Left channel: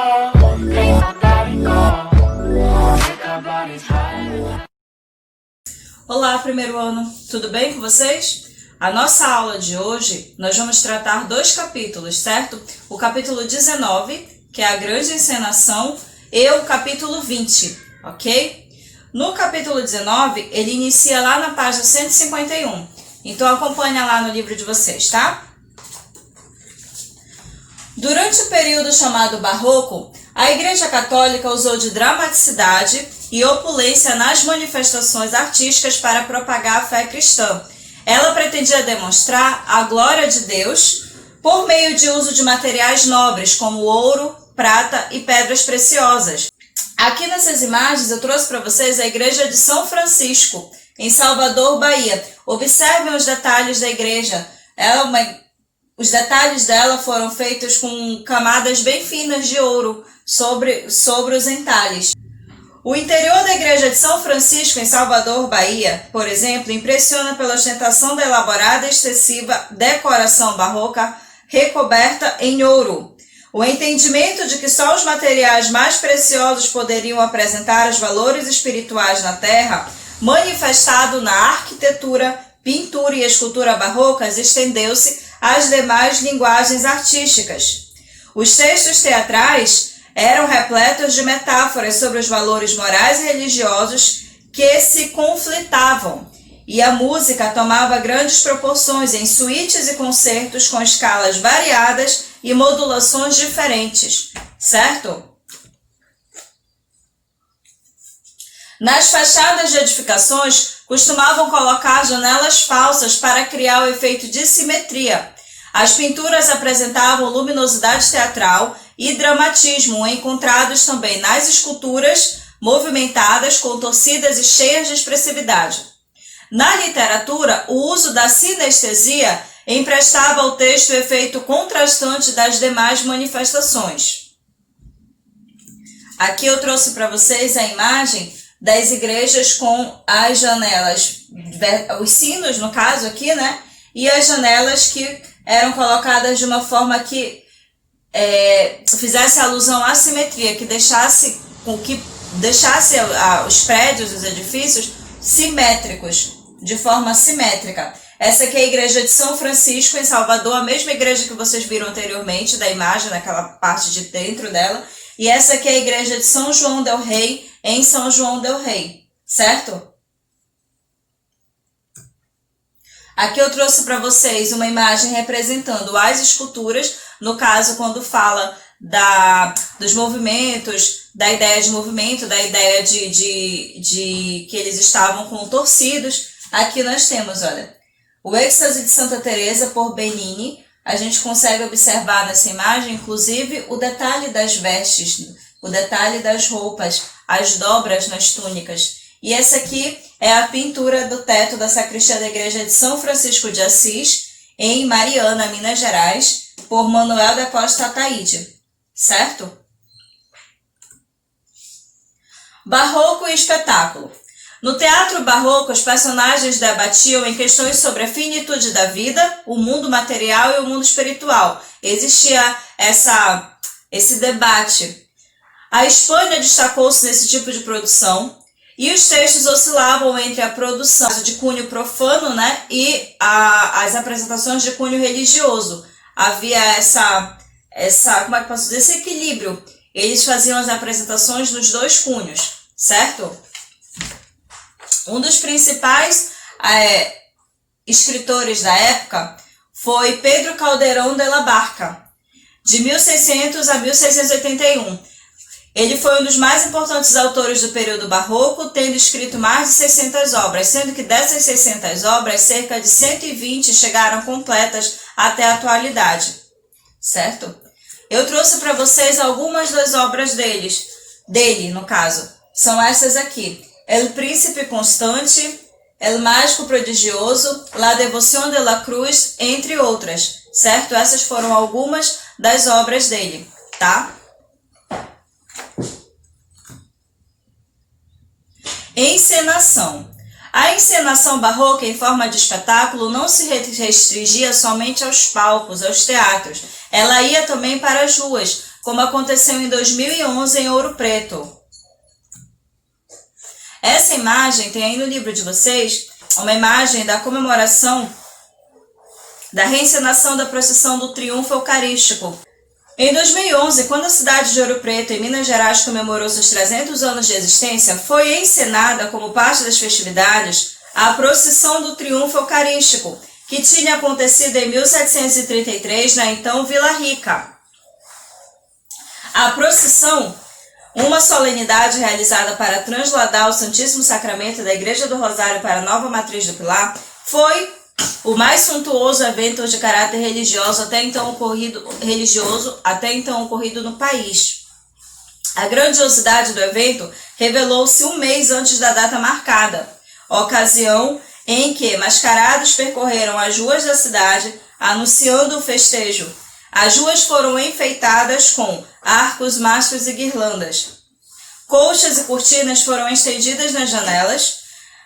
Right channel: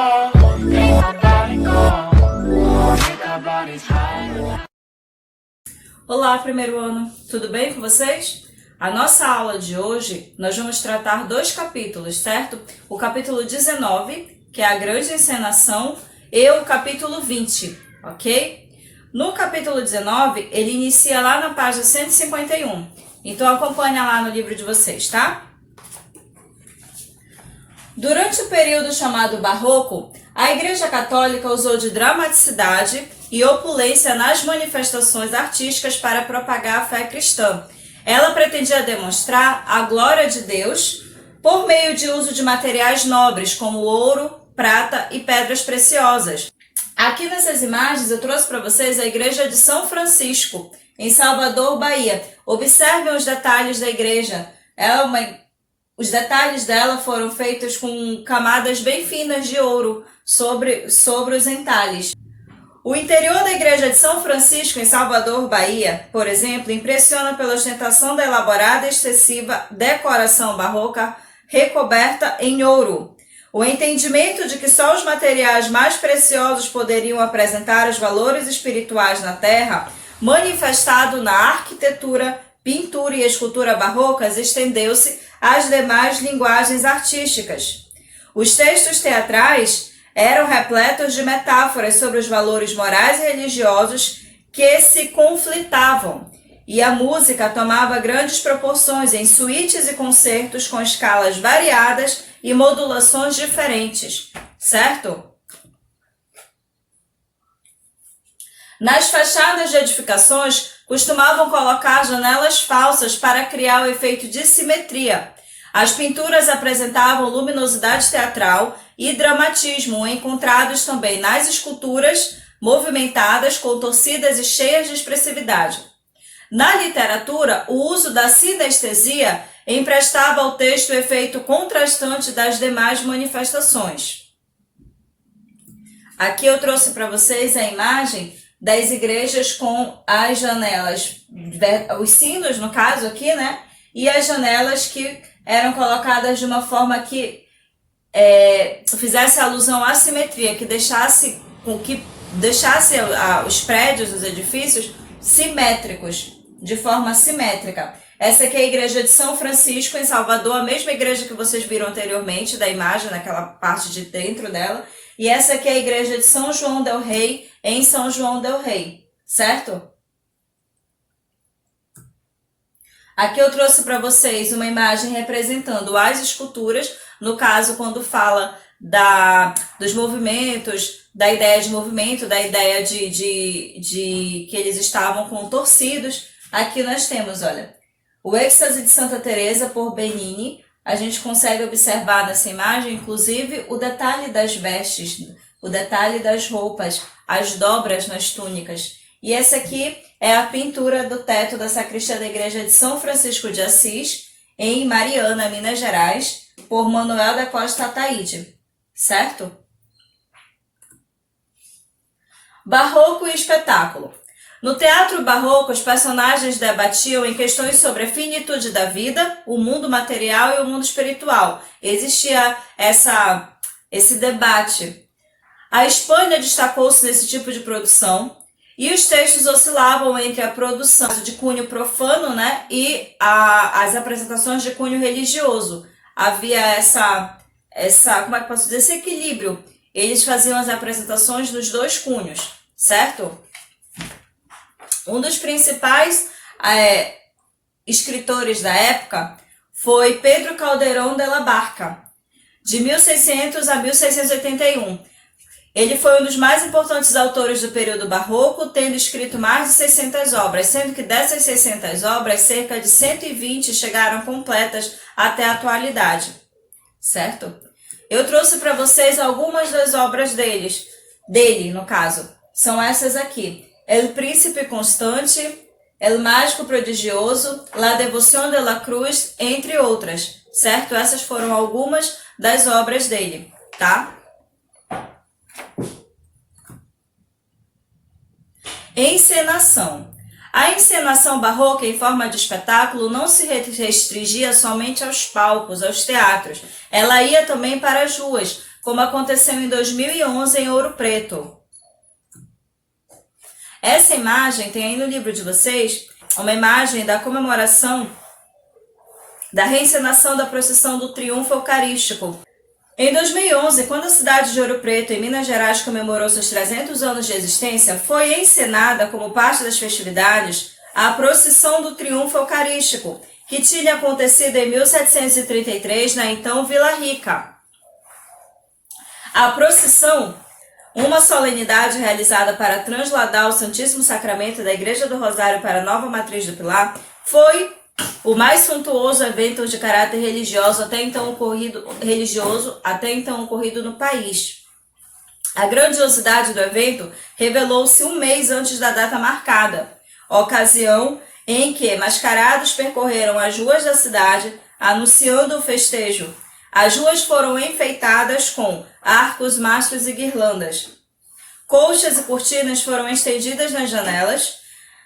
go, make my body go, make our bodies higher. Olá, primeiro ano, tudo bem com vocês? A nossa aula de hoje, nós vamos tratar dois capítulos, certo? O capítulo 19, que é a grande encenação, e o capítulo 20, ok? No capítulo 19, ele inicia lá na página 151. Então, acompanha lá no livro de vocês, tá? Durante o período chamado Barroco, a Igreja Católica usou de dramaticidade e opulência nas manifestações artísticas para propagar a fé cristã. Ela pretendia demonstrar a glória de Deus por meio de uso de materiais nobres, como ouro, prata e pedras preciosas. Aqui nessas imagens eu trouxe para vocês a igreja de São Francisco, em Salvador, Bahia. Observem os detalhes da igreja. Os detalhes dela foram feitos com camadas bem finas de ouro sobre os entalhes. O interior da igreja de São Francisco, em Salvador, Bahia, por exemplo, impressiona pela ostentação da elaborada e excessiva decoração barroca recoberta em ouro. O entendimento de que só os materiais mais preciosos poderiam apresentar os valores espirituais na terra, manifestado na arquitetura, pintura e escultura barrocas, estendeu-se às demais linguagens artísticas. Os textos teatrais eram repletos de metáforas sobre os valores morais e religiosos que se conflitavam, e a música tomava grandes proporções em suítes e concertos com escalas variadas e modulações diferentes, certo? Nas fachadas de edificações, costumavam colocar janelas falsas para criar o efeito de simetria. As pinturas apresentavam luminosidade teatral e dramatismo, encontrados também nas esculturas movimentadas, contorcidas e cheias de expressividade. Na literatura, o uso da sinestesia emprestava ao texto o efeito contrastante das demais manifestações. Aqui eu trouxe para vocês a imagem das igrejas com as janelas, os sinos no caso aqui, né? E as janelas que eram colocadas de uma forma que fizesse alusão à simetria, que deixasse os prédios, os edifícios simétricos, de forma simétrica. Essa aqui é a igreja de São Francisco, em Salvador, a mesma igreja que vocês viram anteriormente, da imagem, naquela parte de dentro dela. E essa aqui é a igreja de São João del Rei, em São João del Rei, certo? Aqui eu trouxe para vocês uma imagem representando as esculturas, no caso, quando fala dos movimentos, da ideia de movimento, da ideia de que eles estavam contorcidos. Aqui nós temos, olha, o êxtase de Santa Teresa por Bernini. A gente consegue observar nessa imagem, inclusive, o detalhe das vestes, o detalhe das roupas, as dobras nas túnicas. E essa aqui é a pintura do teto da sacristia da igreja de São Francisco de Assis, em Mariana, Minas Gerais, por Manuel da Costa Ataíde, certo? Barroco e espetáculo. No teatro barroco, os personagens debatiam em questões sobre a finitude da vida, o mundo material e o mundo espiritual. Existia esse debate. A Espanha destacou-se nesse tipo de produção e os textos oscilavam entre a produção de cunho profano, né, e as apresentações de cunho religioso. Havia como é que posso dizer, esse equilíbrio. Eles faziam as apresentações dos dois cunhos, certo? Um dos principais escritores da época foi Pedro Calderón de la Barca, de 1600 a 1681. Ele foi um dos mais importantes autores do período barroco, tendo escrito mais de 600 obras, sendo que dessas 600 obras, cerca de 120 chegaram completas até a atualidade, certo? Eu trouxe para vocês algumas das obras dele, no caso. São essas aqui. El Príncipe Constante, El Mágico Prodigioso, La Devoción de la Cruz, entre outras, certo? Essas foram algumas das obras dele, tá? Encenação. A encenação barroca em forma de espetáculo não se restringia somente aos palcos, aos teatros. Ela ia também para as ruas, como aconteceu em 2011 em Ouro Preto. Essa imagem tem aí no livro de vocês uma imagem da comemoração da reencenação da procissão do Triunfo Eucarístico. Em 2011, quando a cidade de Ouro Preto, em Minas Gerais, comemorou seus 300 anos de existência, foi encenada como parte das festividades a procissão do Triunfo Eucarístico, que tinha acontecido em 1733 na então Vila Rica. A procissão, uma solenidade realizada para transladar o Santíssimo Sacramento da Igreja do Rosário para a Nova Matriz do Pilar, foi o mais suntuoso evento de caráter religioso até então ocorrido no país. A grandiosidade do evento revelou-se um mês antes da data marcada, ocasião em que mascarados percorreram as ruas da cidade anunciando o festejo. As ruas foram enfeitadas com arcos, mastros e guirlandas. Colchas e cortinas foram estendidas nas janelas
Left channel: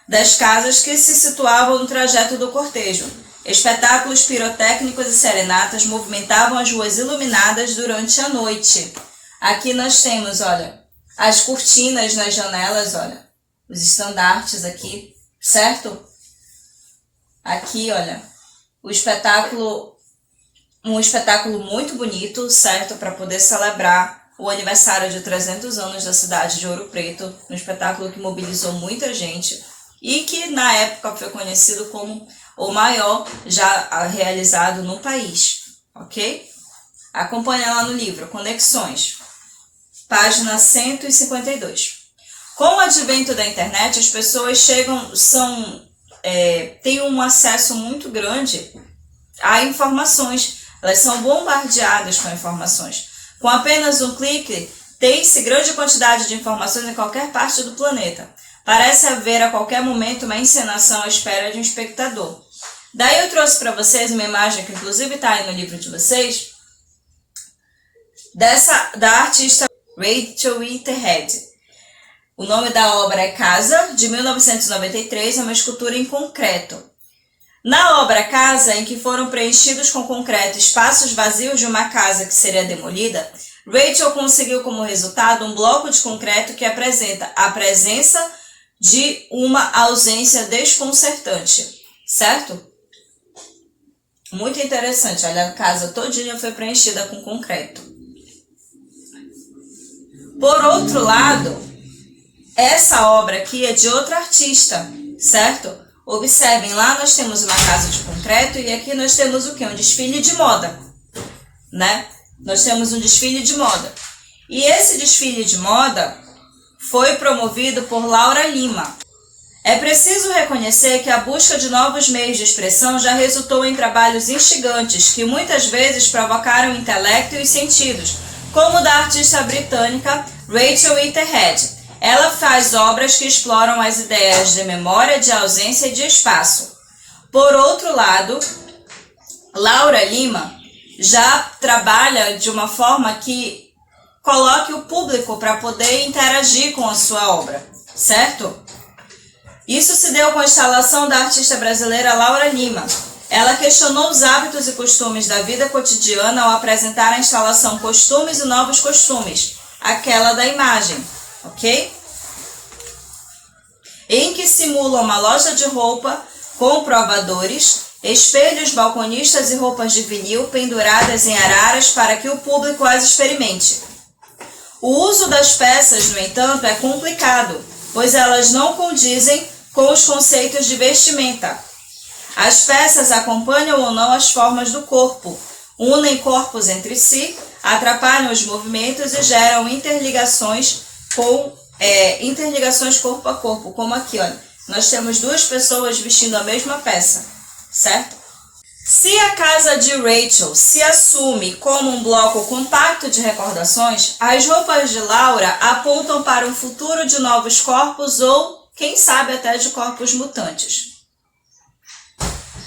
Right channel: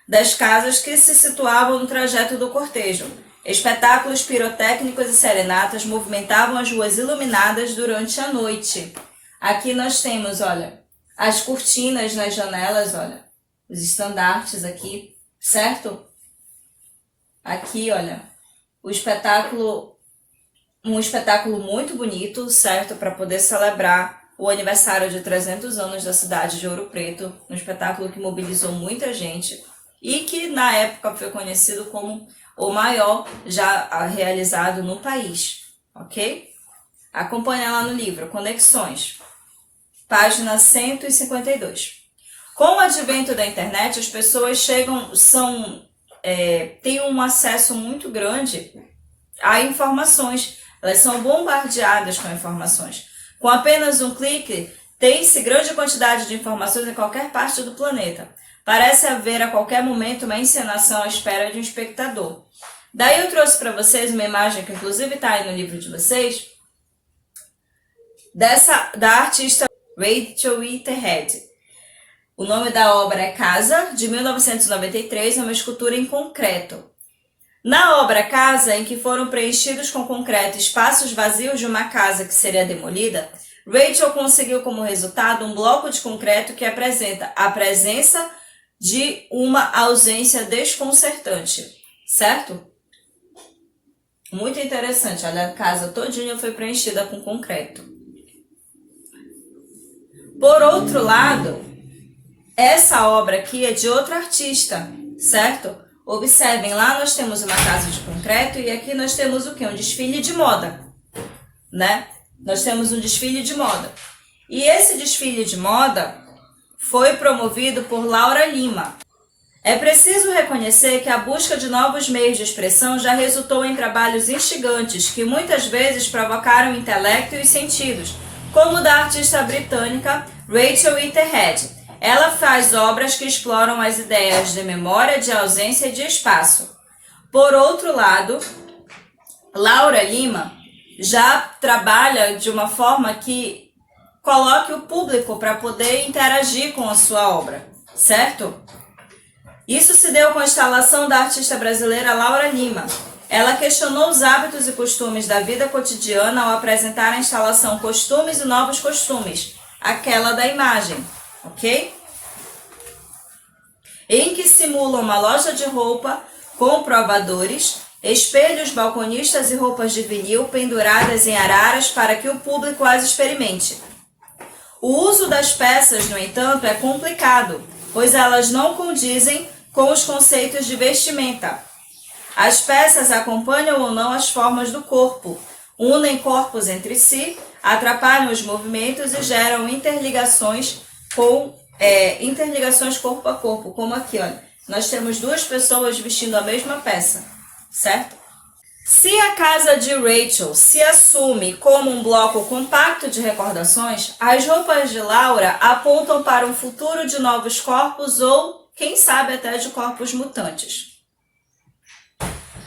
das casas que se situavam no trajeto do cortejo. Espetáculos pirotécnicos e serenatas movimentavam as ruas iluminadas durante a noite. Aqui nós temos, olha, as cortinas nas janelas, olha, os estandartes aqui, certo? Aqui, olha, um espetáculo muito bonito, certo? Para poder celebrar o aniversário de 300 anos da cidade de Ouro Preto, um espetáculo que mobilizou muita gente e que na época foi conhecido como o maior já realizado no país, ok? Acompanha lá no livro, Conexões, página 152. Com o advento da internet, as pessoas têm um acesso muito grande a informações, elas são bombardeadas com informações. Com apenas um clique, tem-se grande quantidade de informações em qualquer parte do planeta. Parece haver a qualquer momento uma encenação à espera de um espectador. Daí eu trouxe para vocês uma imagem que inclusive está aí no livro de vocês, da artista Rachel Whitehead. O nome da obra é Casa, de 1993, é uma escultura em concreto. Na obra Casa, em que foram preenchidos com concreto espaços vazios de uma casa que seria demolida, Rachel conseguiu como resultado um bloco de concreto que apresenta a presença de uma ausência desconcertante, certo? Muito interessante, olha, a casa todinha foi preenchida com concreto. Por outro lado, essa obra aqui é de outro artista, certo? Observem, lá nós temos uma casa de concreto e aqui nós temos o quê? Um desfile de moda, né? Nós temos um desfile de moda. E esse desfile de moda foi promovido por Laura Lima. É preciso reconhecer que a busca de novos meios de expressão já resultou em trabalhos instigantes que muitas vezes provocaram o intelecto e os sentidos, como o da artista britânica Rachel Whitehead. Ela faz obras que exploram as ideias de memória, de ausência e de espaço. Por outro lado, Laura Lima já trabalha de uma forma que coloque o público para poder interagir com a sua obra, certo? Isso se deu com a instalação da artista brasileira Laura Lima. Ela questionou os hábitos e costumes da vida cotidiana ao apresentar a instalação Costumes e Novos Costumes, aquela da imagem, ok? Em que simula uma loja de roupa com provadores, espelhos, balconistas e roupas de vinil penduradas em araras para que o público as experimente. O uso das peças, no entanto, é complicado, pois elas não condizem com os conceitos de vestimenta. As peças acompanham ou não as formas do corpo, unem corpos entre si, atrapalham os movimentos e geram interligações corpo a corpo, como aqui, olha. Nós temos duas pessoas vestindo a mesma peça, certo? Se a casa de Rachel se assume como um bloco compacto de recordações, as roupas de Laura apontam para um futuro de novos corpos ou, quem sabe, até de corpos mutantes.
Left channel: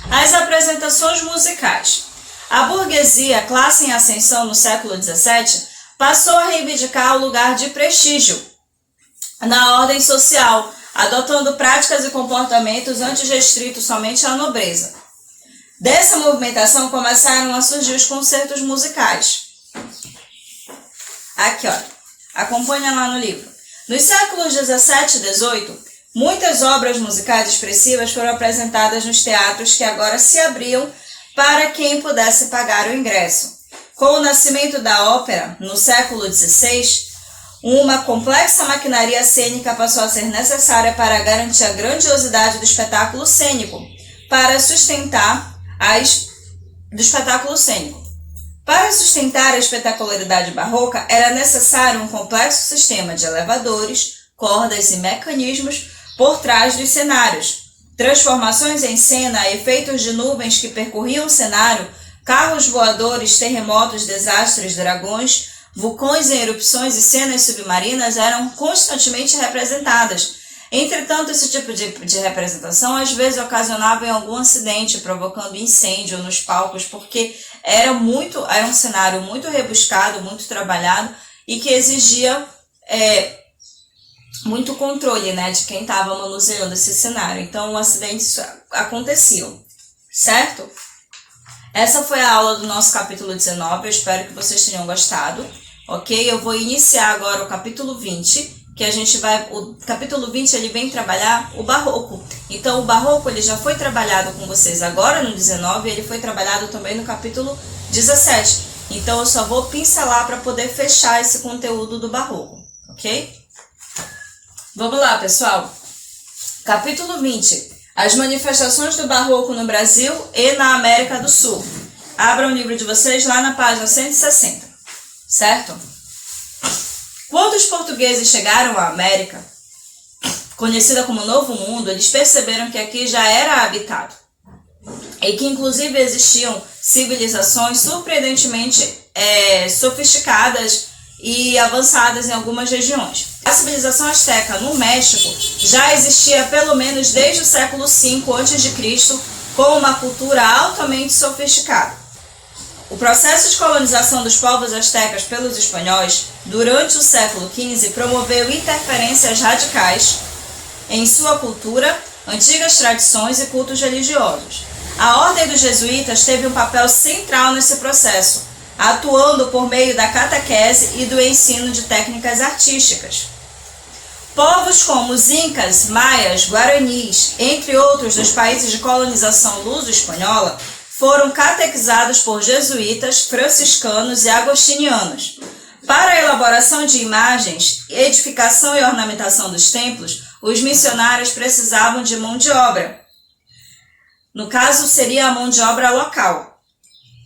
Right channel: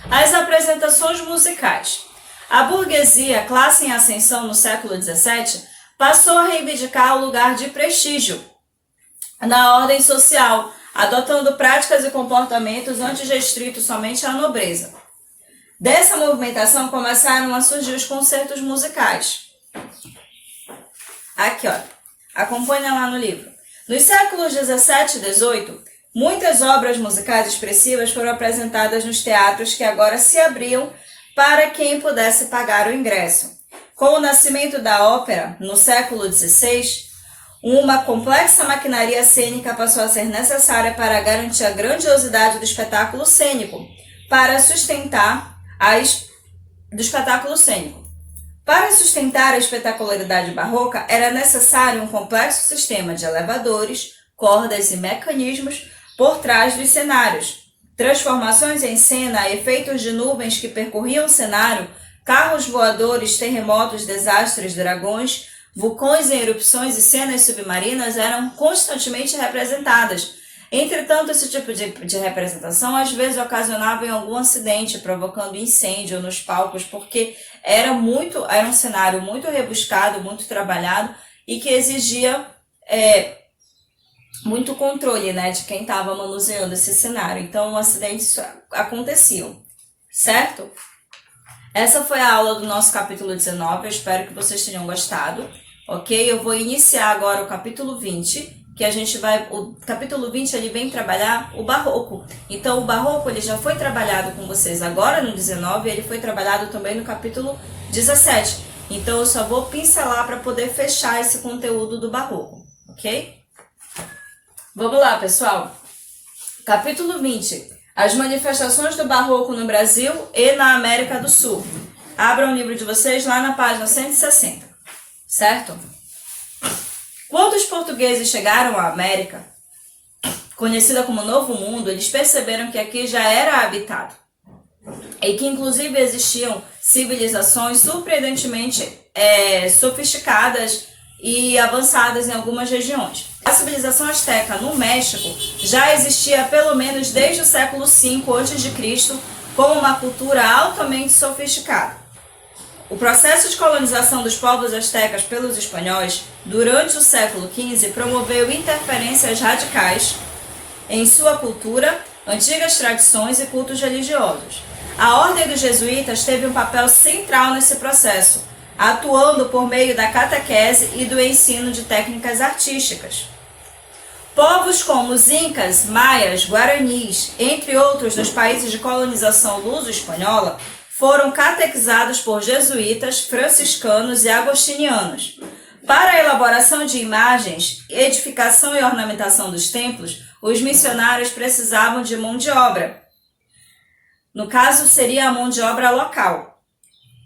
As apresentações musicais. A burguesia, classe em ascensão no século XVII, passou a reivindicar o lugar de prestígio na ordem social, adotando práticas e comportamentos antes restritos somente à nobreza. Dessa movimentação começaram a surgir os concertos musicais. Aqui, olha. Acompanha lá no livro. Nos séculos 17 e 18, muitas obras musicais expressivas foram apresentadas nos teatros que agora se abriam para quem pudesse pagar o ingresso. Com o nascimento da ópera, no século XVI, uma complexa maquinaria cênica passou a ser necessária para garantir a grandiosidade do espetáculo cênico. Para sustentar a espetacularidade barroca, era necessário um complexo sistema de elevadores, cordas e mecanismos por trás dos cenários. Transformações em cena, efeitos de nuvens que percorriam o cenário, carros voadores, terremotos, desastres, dragões, vulcões em erupções e cenas submarinas eram constantemente representadas. Entretanto, esse tipo de representação às vezes ocasionava em algum acidente, provocando incêndio nos palcos, porque era um cenário muito rebuscado, muito trabalhado e que exigia muito controle, né, de quem estava manuseando esse cenário. Então, acidentes aconteciam, certo? Essa foi a aula do nosso capítulo 19, eu espero que vocês tenham gostado, ok? Eu vou iniciar agora o capítulo 20, que o capítulo 20 ele vem trabalhar o barroco. Então, o barroco ele já foi trabalhado com vocês agora no 19, ele foi trabalhado também no capítulo 17. Então, eu só vou pincelar para poder fechar esse conteúdo do barroco, ok? Vamos lá, pessoal. Capítulo 20. As manifestações do barroco no Brasil e na América do Sul. Abram o livro de vocês lá na página 160, certo? Quando os portugueses chegaram à América, conhecida como Novo Mundo, eles perceberam que aqui já era habitado e que inclusive existiam civilizações surpreendentemente sofisticadas e avançadas em algumas regiões. A civilização asteca no México já existia pelo menos desde o século V a.C., com uma cultura altamente sofisticada. O processo de colonização dos povos astecas pelos espanhóis durante o século XV promoveu interferências radicais em sua cultura, antigas tradições e cultos religiosos. A Ordem dos Jesuítas teve um papel central nesse processo, atuando por meio da catequese e do ensino de técnicas artísticas. Povos como os Incas, Maias, Guaranis, entre outros dos países de colonização luso-espanhola, foram catequizados por jesuítas, franciscanos e agostinianos. Para a elaboração de imagens, edificação e ornamentação dos templos, os missionários precisavam de mão de obra. No caso, seria a mão de obra local.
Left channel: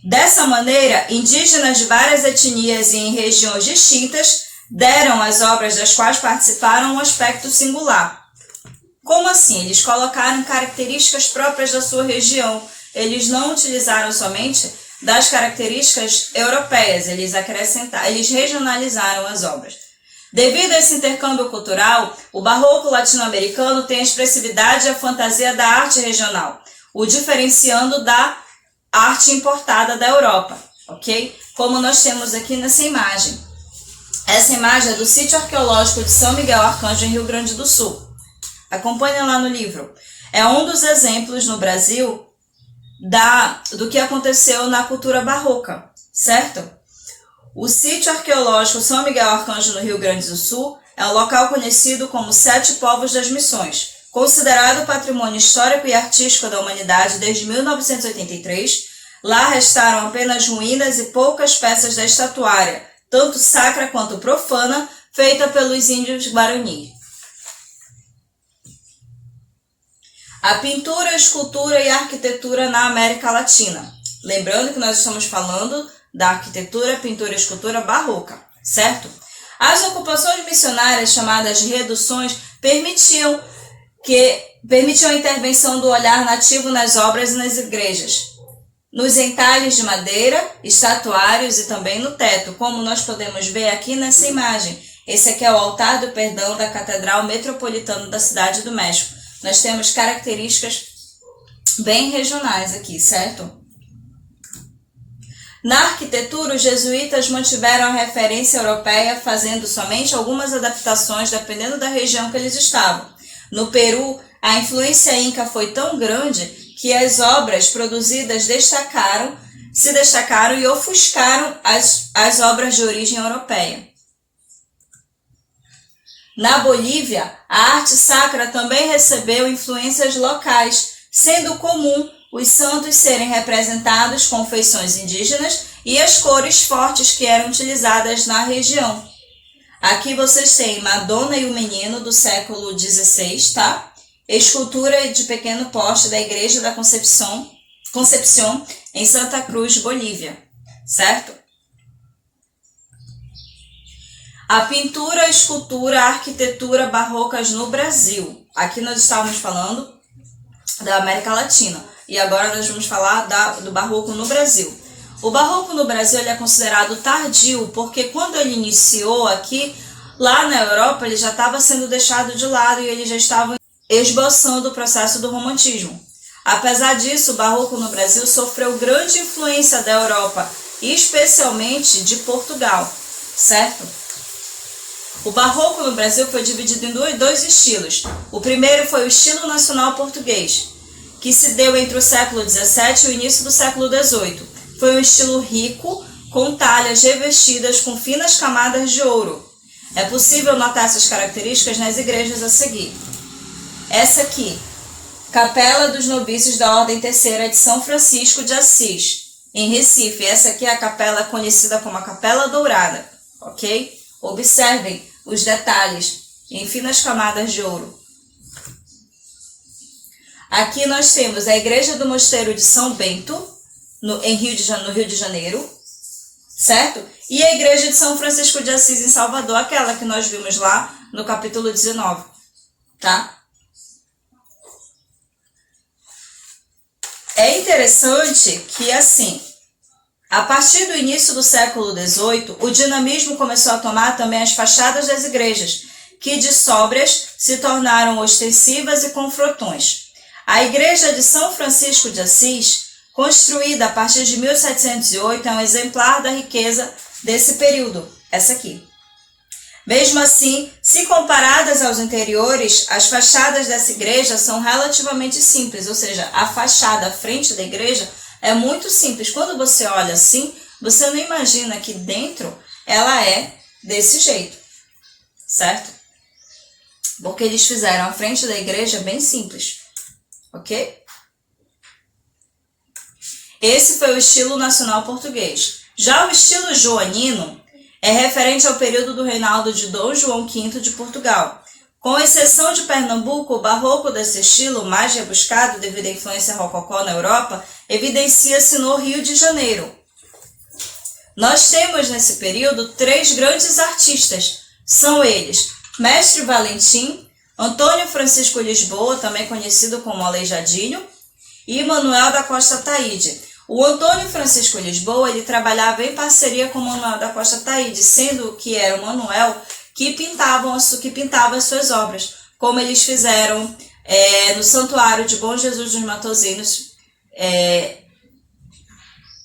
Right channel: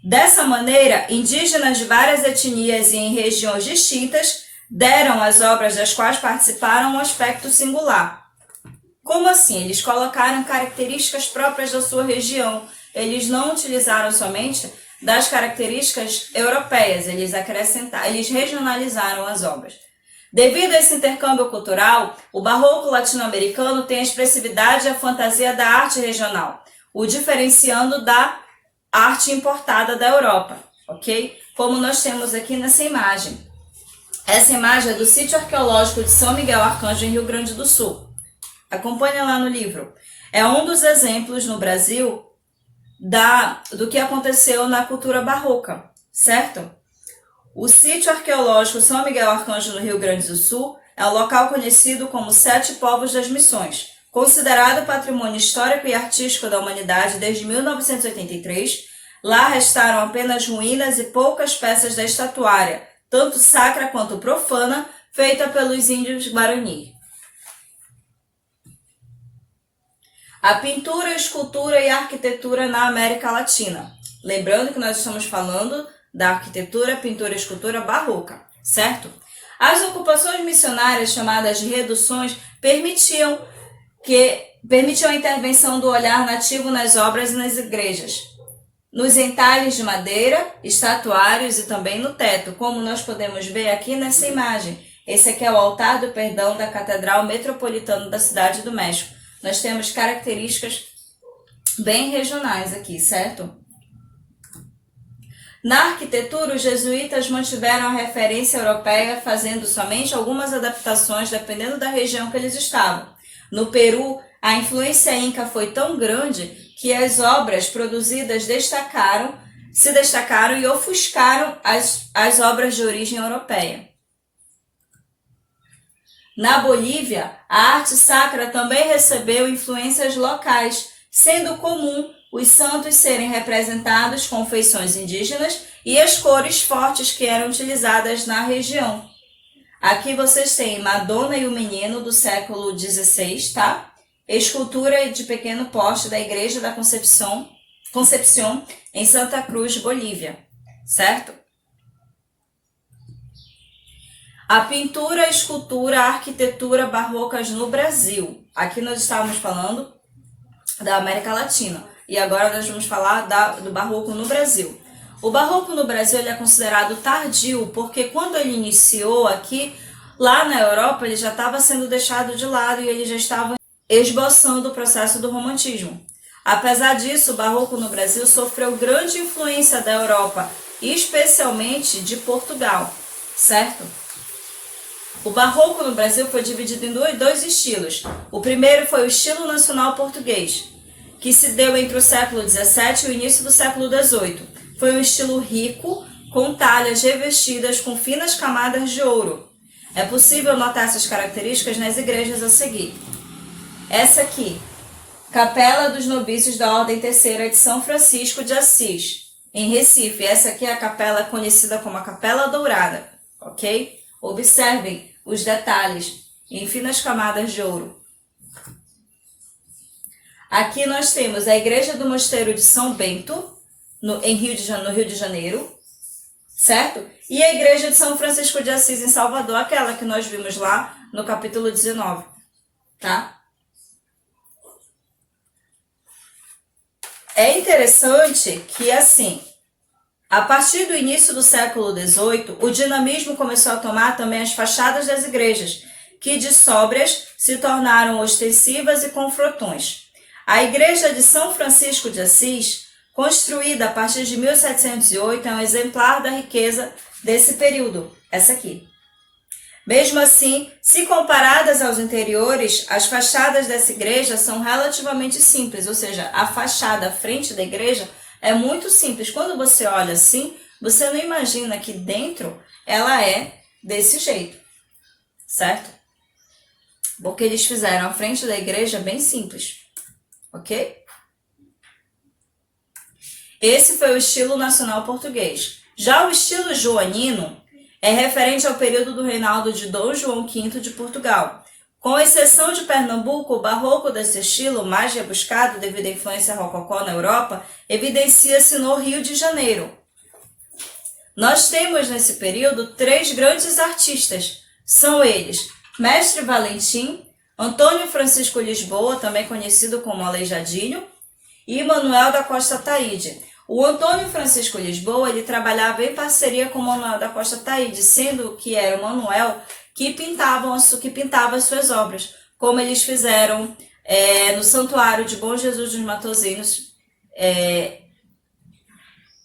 Dessa maneira, indígenas de várias etnias e em regiões distintas deram às obras das quais participaram um aspecto singular. Como assim? Eles colocaram características próprias da sua região. Eles não utilizaram somente das características europeias, eles regionalizaram as obras. Devido a esse intercâmbio cultural, o barroco latino-americano tem a expressividade e a fantasia da arte regional, o diferenciando da arte importada da Europa, ok? Como nós temos aqui nessa imagem. Essa imagem é do sítio arqueológico de São Miguel Arcanjo, em Rio Grande do Sul. Acompanha lá no livro. É um dos exemplos no Brasil do que aconteceu na cultura barroca, certo? O sítio arqueológico São Miguel Arcanjo, no Rio Grande do Sul, é um local conhecido como Sete Povos das Missões, considerado patrimônio histórico e artístico da humanidade desde 1983. Lá restaram apenas ruínas e poucas peças da estatuária, tanto sacra quanto profana, feita pelos índios Guarani. A pintura, a escultura e a arquitetura na América Latina. Lembrando que nós estamos falando da arquitetura, pintura e escultura barroca, certo? As ocupações missionárias, chamadas de reduções, permitiam a intervenção do olhar nativo nas obras e nas igrejas, nos entalhes de madeira, estatuários e também no teto, como nós podemos ver aqui nessa imagem. Esse aqui é o altar do perdão da Catedral Metropolitana da Cidade do México. Nós temos características bem regionais aqui, certo? Na arquitetura, os jesuítas mantiveram a referência europeia, fazendo somente algumas adaptações dependendo da região que eles estavam. No Peru, a influência inca foi tão grande que as obras produzidas se destacaram e ofuscaram as obras de origem europeia. Na Bolívia, a arte sacra também recebeu influências locais, sendo comum os santos serem representados com feições indígenas e as cores fortes que eram utilizadas na região. Aqui vocês têm Madonna e o Menino, do século XVI, tá? Escultura de pequeno porte da Igreja da Concepción, em Santa Cruz, Bolívia, certo? A pintura, a escultura, a arquitetura barrocas no Brasil. Aqui nós estávamos falando da América Latina e agora nós vamos falar do barroco no Brasil. O barroco no Brasil ele é considerado tardio porque quando ele iniciou aqui, lá na Europa, ele já estava sendo deixado de lado e ele já estava esboçando o processo do romantismo. Apesar disso, o barroco no Brasil sofreu grande influência da Europa, especialmente de Portugal, certo? O barroco no Brasil foi dividido em dois estilos. O primeiro foi o estilo nacional português, que se deu entre o século XVII e o início do século XVIII. Foi um estilo rico, com talhas revestidas com finas camadas de ouro. É possível notar essas características nas igrejas a seguir. Essa aqui, Capela dos Nobícios da Ordem Terceira de São Francisco de Assis, em Recife. Essa aqui é a capela conhecida como a Capela Dourada, ok? Observem os detalhes em finas camadas de ouro. Aqui nós temos a Igreja do Mosteiro de São Bento, no Rio de Janeiro, certo? E a Igreja de São Francisco de Assis em Salvador, aquela que nós vimos lá no capítulo 19, tá? É interessante que, assim, a partir do início do século XVIII, o dinamismo começou a tomar também as fachadas das igrejas, que de sóbrias se tornaram ostensivas e com frontões. A Igreja de São Francisco de Assis, construída a partir de 1708, é um exemplar da riqueza desse período, essa aqui. Mesmo assim, se comparadas aos interiores, as fachadas dessa igreja são relativamente simples, ou seja, a fachada à frente da igreja é muito simples. Quando você olha assim, você não imagina que dentro ela é desse jeito, certo? Porque eles fizeram a frente da igreja bem simples, ok? Esse foi o estilo nacional português. Já o estilo joanino é referente ao período do reinado de Dom João V de Portugal. Com exceção de Pernambuco, o barroco desse estilo, mais rebuscado devido à influência rococó na Europa, evidencia-se no Rio de Janeiro. Nós temos nesse período 3 grandes artistas. São eles Mestre Valentim, Antônio Francisco Lisboa, também conhecido como Aleijadinho, e Manuel da Costa Taide. O Antônio Francisco Lisboa ele trabalhava em parceria com Manuel da Costa Taide, sendo que era o Manuel que pintava as suas obras, como eles fizeram no Santuário de Bom Jesus dos Matozinhos,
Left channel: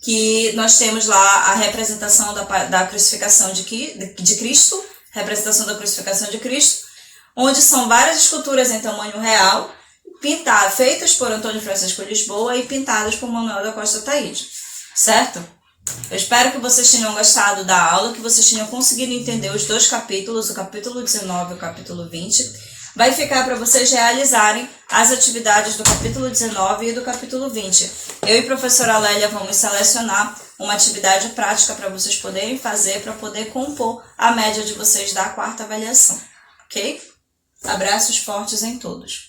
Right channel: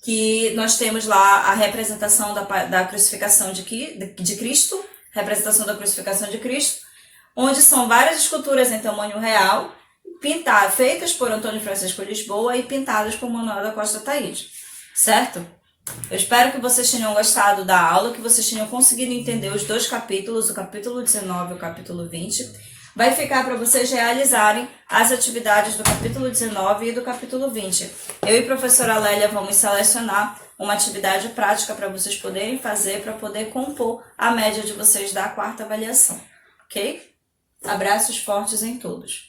que nós temos lá a representação da crucificação de Cristo, representação da crucificação de Cristo, onde são várias esculturas em tamanho real, feitas por Antônio Francisco Lisboa e pintadas por Manuel da Costa Taide, certo? Eu espero que vocês tenham gostado da aula, que vocês tenham conseguido entender os 2 capítulos, o capítulo 19 e o capítulo 20. Vai ficar para vocês realizarem as atividades do capítulo 19 e do capítulo 20. Eu e a professora Lélia vamos selecionar uma atividade prática para vocês poderem fazer, para poder compor a média de vocês da 4ª avaliação, ok? Abraços fortes em todos.